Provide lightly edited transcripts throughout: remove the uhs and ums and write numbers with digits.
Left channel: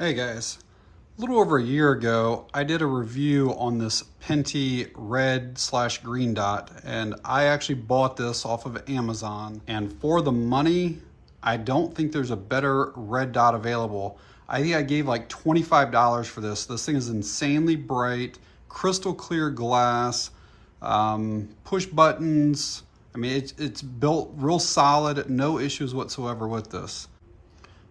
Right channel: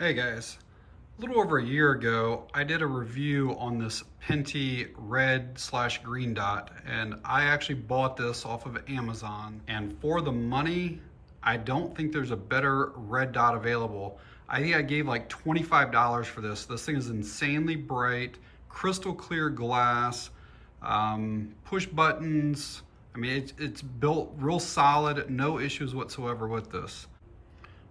Hey guys, a little over a year ago, I did a review on this Pinty red/green dot, and I actually bought this off of Amazon. And for the money, I don't think there's a better red dot available. I think I gave like $25 for this. This thing is insanely bright, crystal clear glass, push buttons. I mean, it's built real solid, no issues whatsoever with this.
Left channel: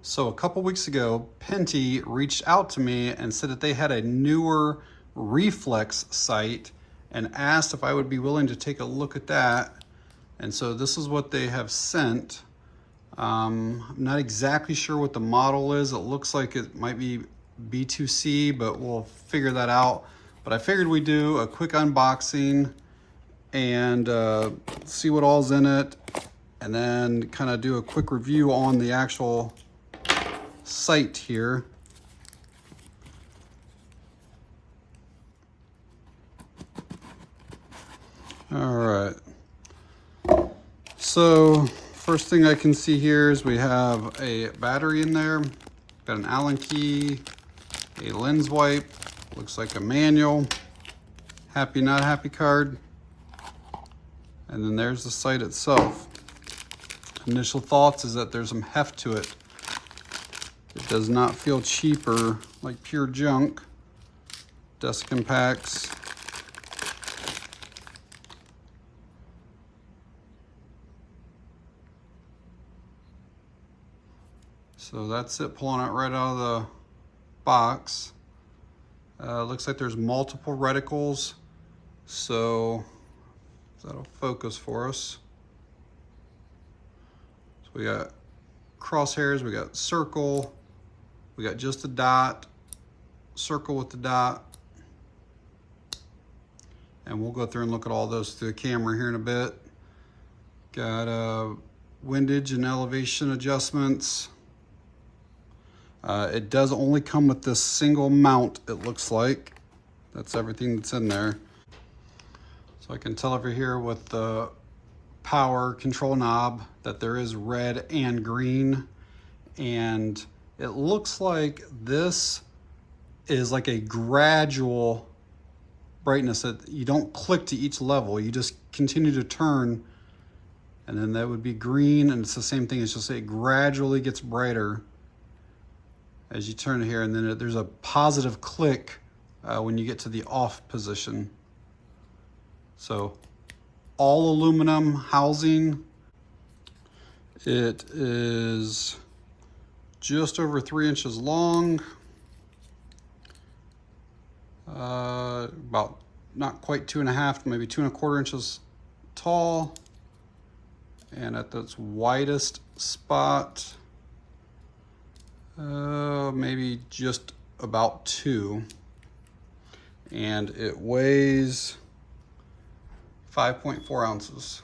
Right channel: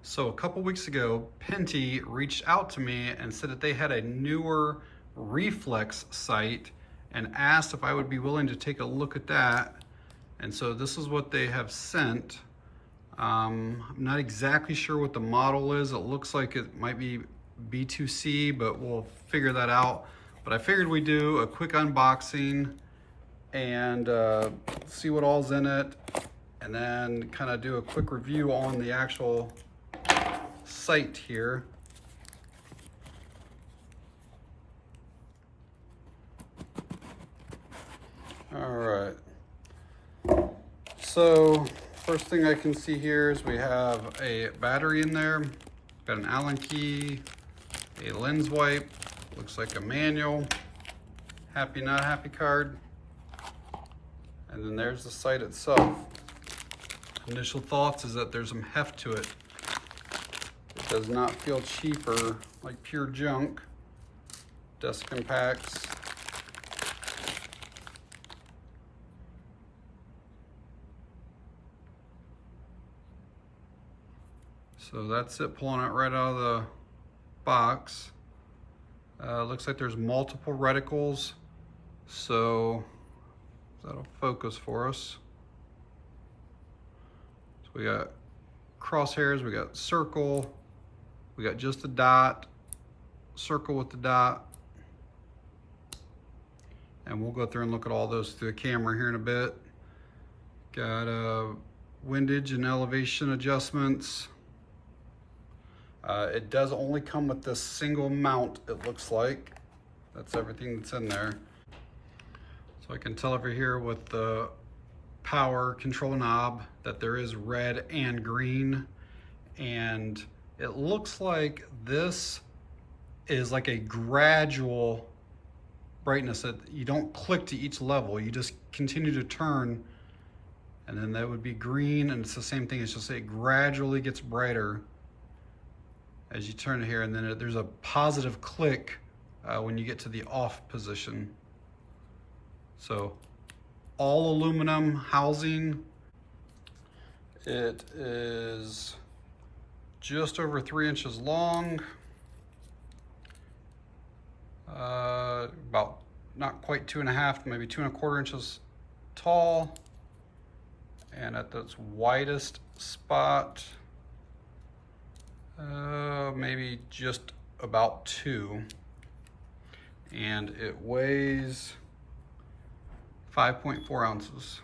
So a couple weeks ago, Pinty reached out to me and said that they had a newer Reflex sight and asked if I would be willing to take a look at that. And so this is what they have sent. I'm not exactly sure what the model is. It looks like it might be B2C, but we'll figure that out. But I figured we'd do a quick unboxing and see what all's in it, and then kind of do a quick review on the actual sight here. All right. So first thing I can see here is we have a battery in there, got an Allen key, a lens wipe, looks like a manual, happy not happy card, and then there's the sight itself. Initial thoughts is that there's some heft to it. It does not feel cheap or like pure junk. Desk impacts. So that's it, pulling it right out of the box. Looks like there's multiple reticles, so that'll focus for us. So we got crosshairs, we got circle, we got just a dot, circle with the dot, and we'll go through and look at all those through the camera here in a bit. Got windage and elevation adjustments. It does only come with this single mount, it looks like. That's everything that's in there. So I can tell over here with the power control knob that there is red and green, and it looks like this is like a gradual brightness, that you don't click to each level, you just continue to turn, and then that would be green, and it's the same thing, it's just it gradually gets brighter as you turn it here, and then there's a positive click when you get to the off position. So all aluminum housing. It is just over 3 inches long, about not quite 2.5, maybe 2.25 inches tall, and at its widest spot, maybe just about 2, and it weighs 5.4 ounces.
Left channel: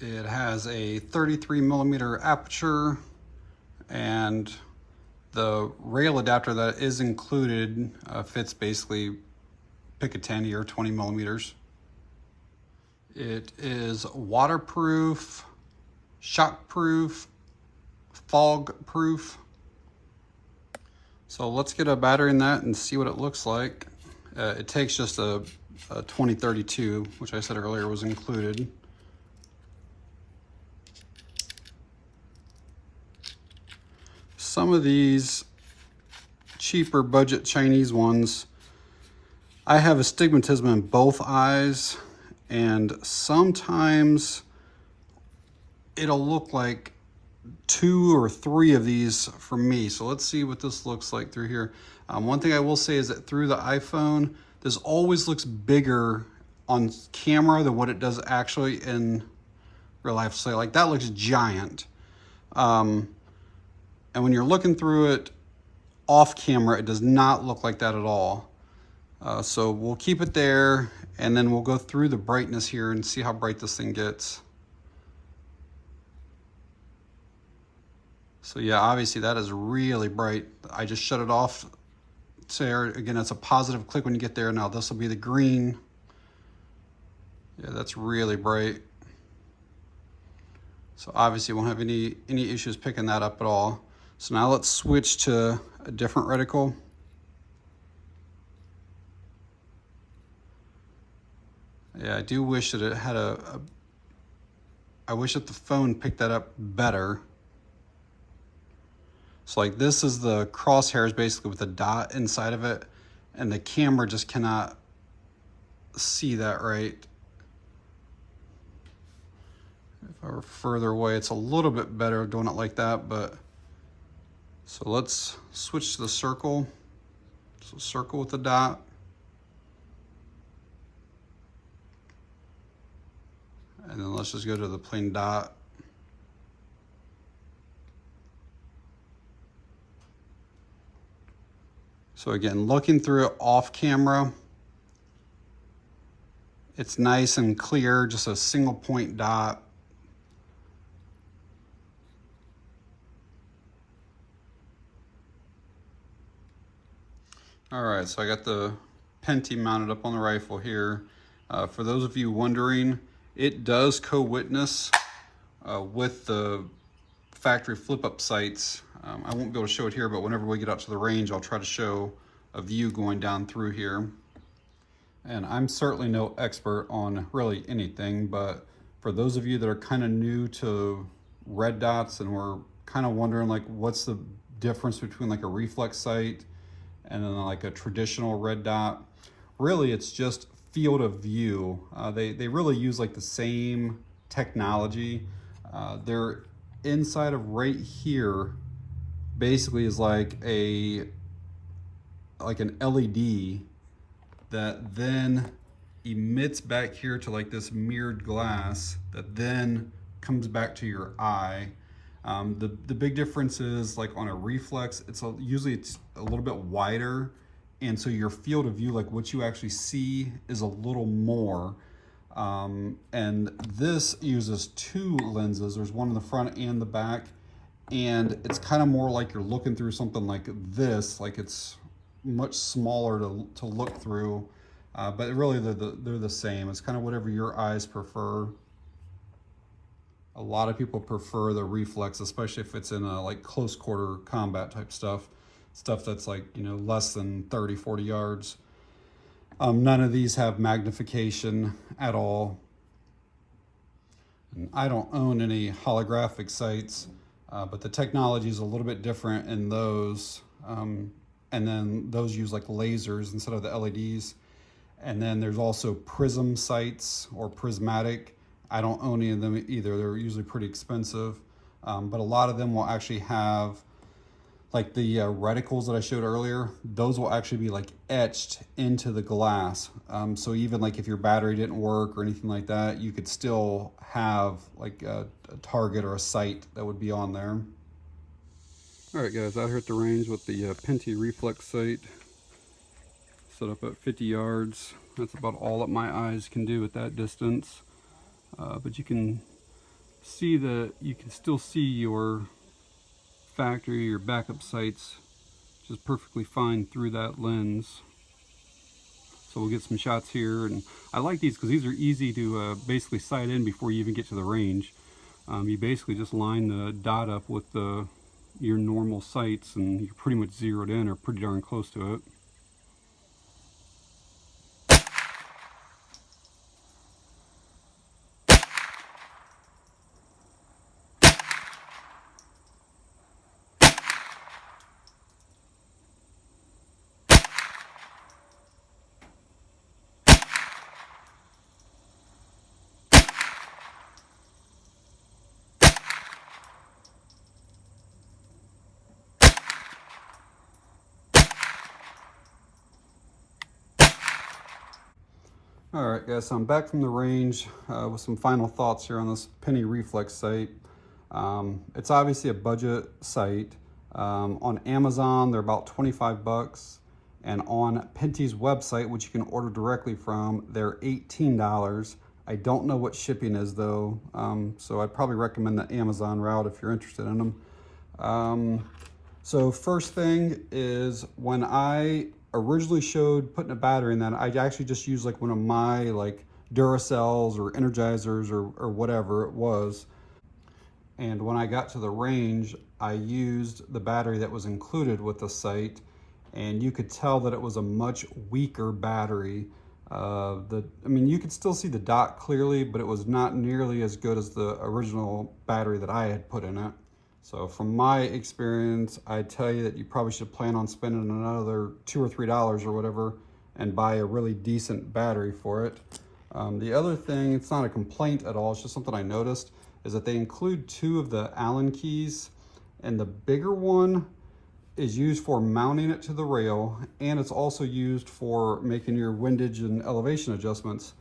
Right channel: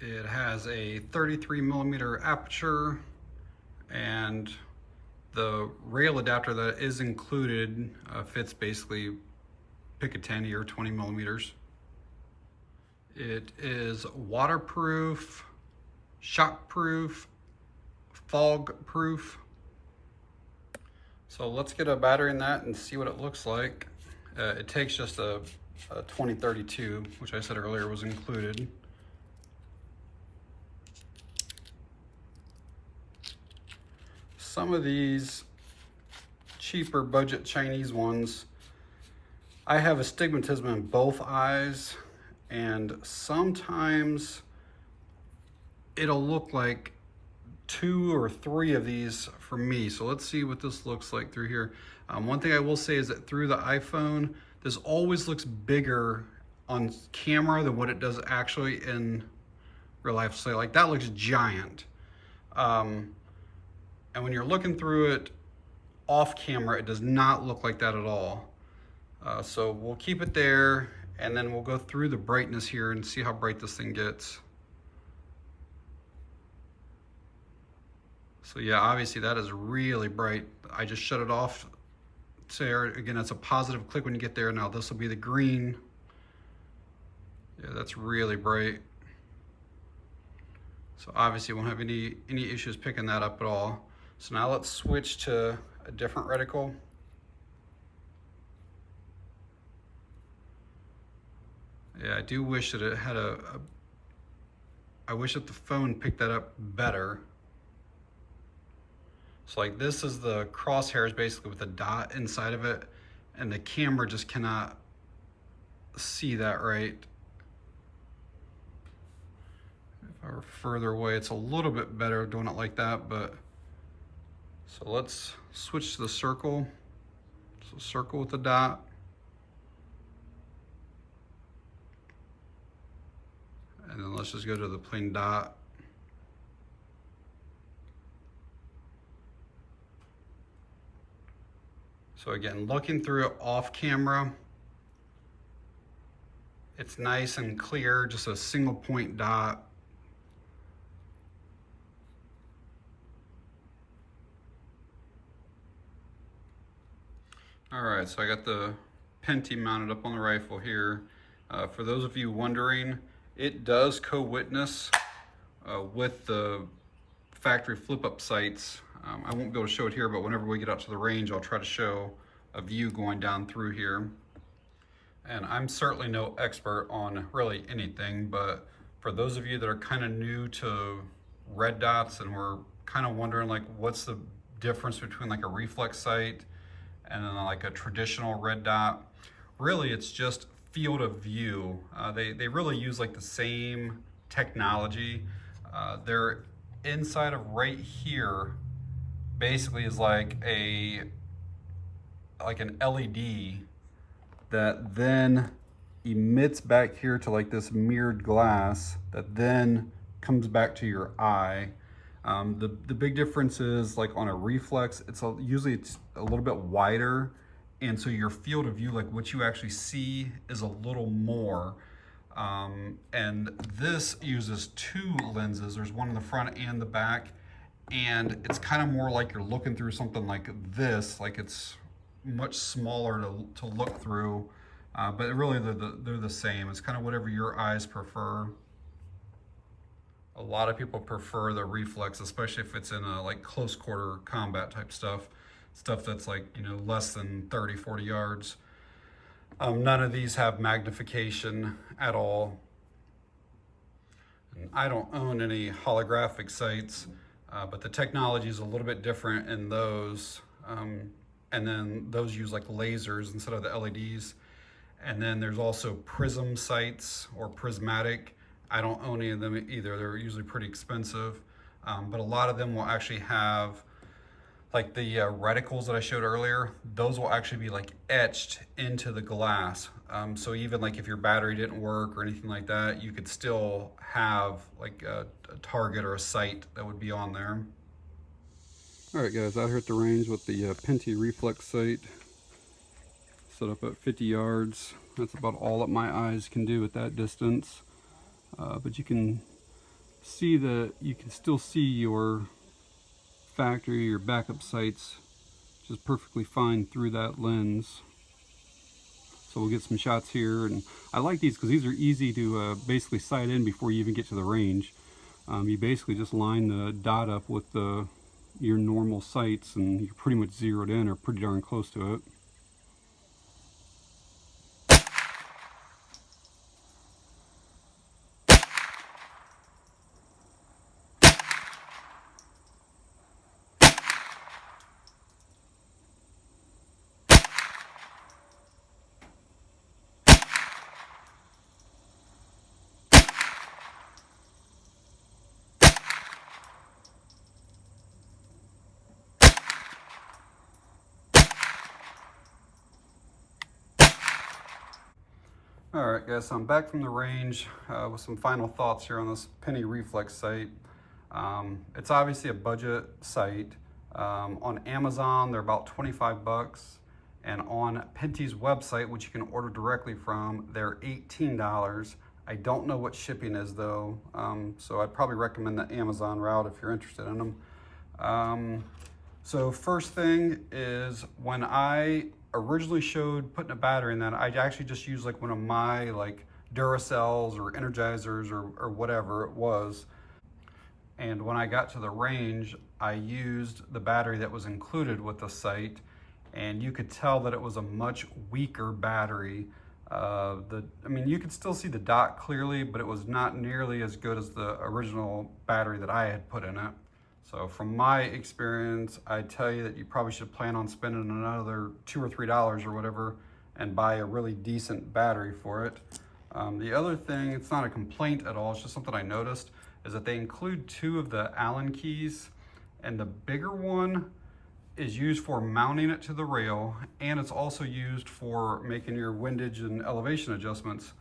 It has a 33mm aperture, and the rail adapter that is included fits basically, pick a 10 or 20mm. It is waterproof, shockproof, fog-proof. So let's get a battery in that and see what it looks like. It takes just a 2032, which I said earlier was included. Some of these cheaper budget Chinese ones, I have astigmatism in both eyes, and sometimes it'll look like 2 or 3 of these for me. So let's see what this looks like through here. One thing I will say is that through the iPhone, this always looks bigger on camera than what it does actually in real life. So like that looks giant. And when you're looking through it off camera, it does not look like that at all. So we'll keep it there, and then we'll go through the brightness here and see how bright this thing gets. So yeah, obviously that is really bright. I just shut it off. There, again, it's a positive click when you get there. Now this will be the green. Yeah, that's really bright. So obviously won't have any issues picking that up at all. So now let's switch to a different reticle. Yeah, I do wish that it had I wish that the phone picked that up better. So like this is the crosshairs basically with a dot inside of it, and the camera just cannot see that right. If I were further away, it's a little bit better doing it like that, but so let's switch to the circle. So circle with the dot. And then let's just go to the plain dot. So again, looking through it off camera, it's nice and clear, just a single point dot. All right, so I got the Pinty mounted up on the rifle here. For those of you wondering, it does co-witness with the factory flip-up sights. I won't be able to show it here, but whenever we get out to the range, I'll try to show a view going down through here. And I'm certainly no expert on really anything, but for those of you that are kind of new to red dots and we're kind of wondering like what's the difference between like a reflex sight and then like a traditional red dot, really it's just field of view. They really use like the same technology. They're inside of right here basically is like an LED that then emits back here to like this mirrored glass that then comes back to your eye. The big difference is like on a reflex, usually it's a little bit wider, and so your field of view, like what you actually see, is a little more. And this uses two lenses. There's one in the front and the back, and it's kind of more like you're looking through something like this, like it's much smaller to look through, but really they're the same. It's kind of whatever your eyes prefer. A lot of people prefer the reflex, especially if it's in a like close quarter combat type stuff that's like, you know, less than 30-40 yards. None of these have magnification at all. And I don't own any holographic sights, but the technology is a little bit different in those. And then those use like lasers instead of the LEDs. And then there's also prism sights or prismatic. I don't own any of them either. They're usually pretty expensive, but a lot of them will actually have like the reticles that I showed earlier. Those will actually be like etched into the glass. So even like if your battery didn't work or anything like that, you could still have like a target or a sight that would be on there. All right guys, out here at the range with the Pinty reflex sight set up at 50 yards. That's about all that my eyes can do at that distance. But you can see that you can still see your factory, your backup sights just perfectly fine through that lens. So we'll get some shots here, and I like these because these are easy to basically sight in before you even get to the range. You basically just line the dot up with your normal sights and you're pretty much zeroed in or pretty darn close to it. All right guys, so I'm back from the range with some final thoughts here on this Pinty reflex sight. It's obviously a budget sight. On Amazon, they're about 25 bucks. And on Pinty's website, which you can order directly from, they're $18. I don't know what shipping is though, so I'd probably recommend the Amazon route if you're interested in them. So first thing is, when I originally showed putting a battery in that, I actually just used like one of my like Duracells or Energizers or whatever it was. And when I got to the range, I used the battery that was included with the sight, and you could tell that it was a much weaker battery. I mean, you could still see the dot clearly, but it was not nearly as good as the original battery that I had put in it. So from my experience, I tell you that you probably should plan on spending another $2 or $3 or whatever and buy a really decent battery for it. The other thing, it's not a complaint at all, it's just something I noticed, is that they include 2 of the Allen keys, and the bigger one is used for mounting it to the rail, and it's also used for making your windage and elevation adjustments.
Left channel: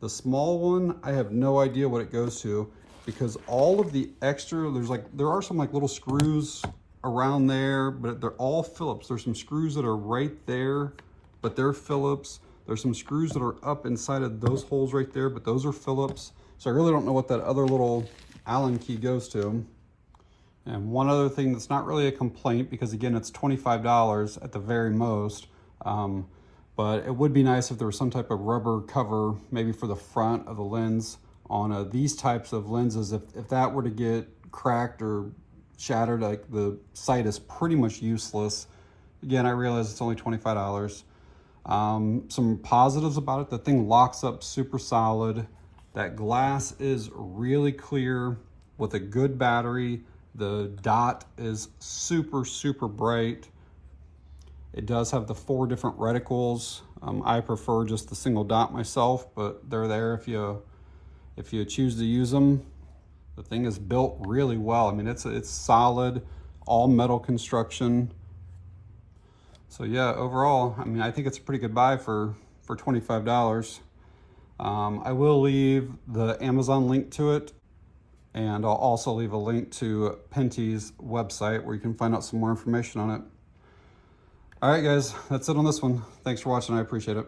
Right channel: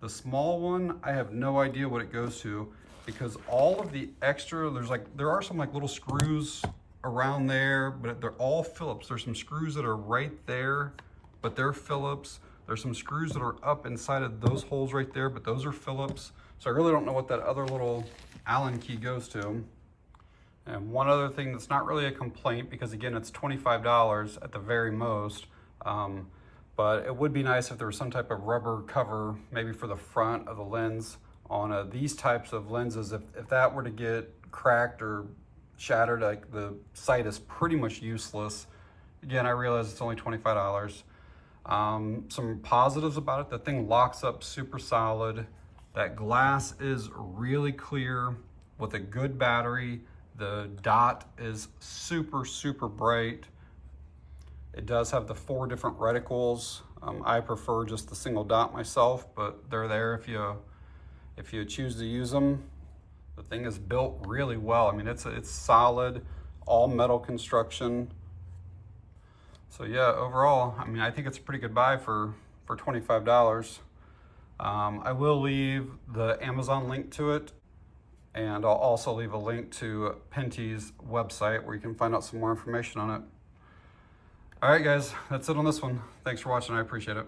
The small one, I have no idea what it goes to, because all of the extra, there are some like little screws around there, but they're all Phillips. There's some screws that are right there, but they're Phillips. There's some screws that are up inside of those holes right there, but those are Phillips. So I really don't know what that other little Allen key goes to. And one other thing that's not really a complaint, because again, it's $25 at the very most, but it would be nice if there was some type of rubber cover, maybe for the front of the lens on these types of lenses. If that were to get cracked or shattered, like the sight is pretty much useless. Again, I realize it's only $25. Some positives about it: the thing locks up super solid. That glass is really clear with a good battery. The dot is super, super bright. It does have the 4 different reticles. I prefer just the single dot myself, but they're there if you choose to use them. The thing is built really well. I mean, it's solid, all metal construction. So yeah, overall, I mean, I think it's a pretty good buy for $25. I will leave the Amazon link to it, and I'll also leave a link to Pinty's website where you can find out some more information on it. All right, guys, that's it on this one. Thanks for watching. I appreciate it.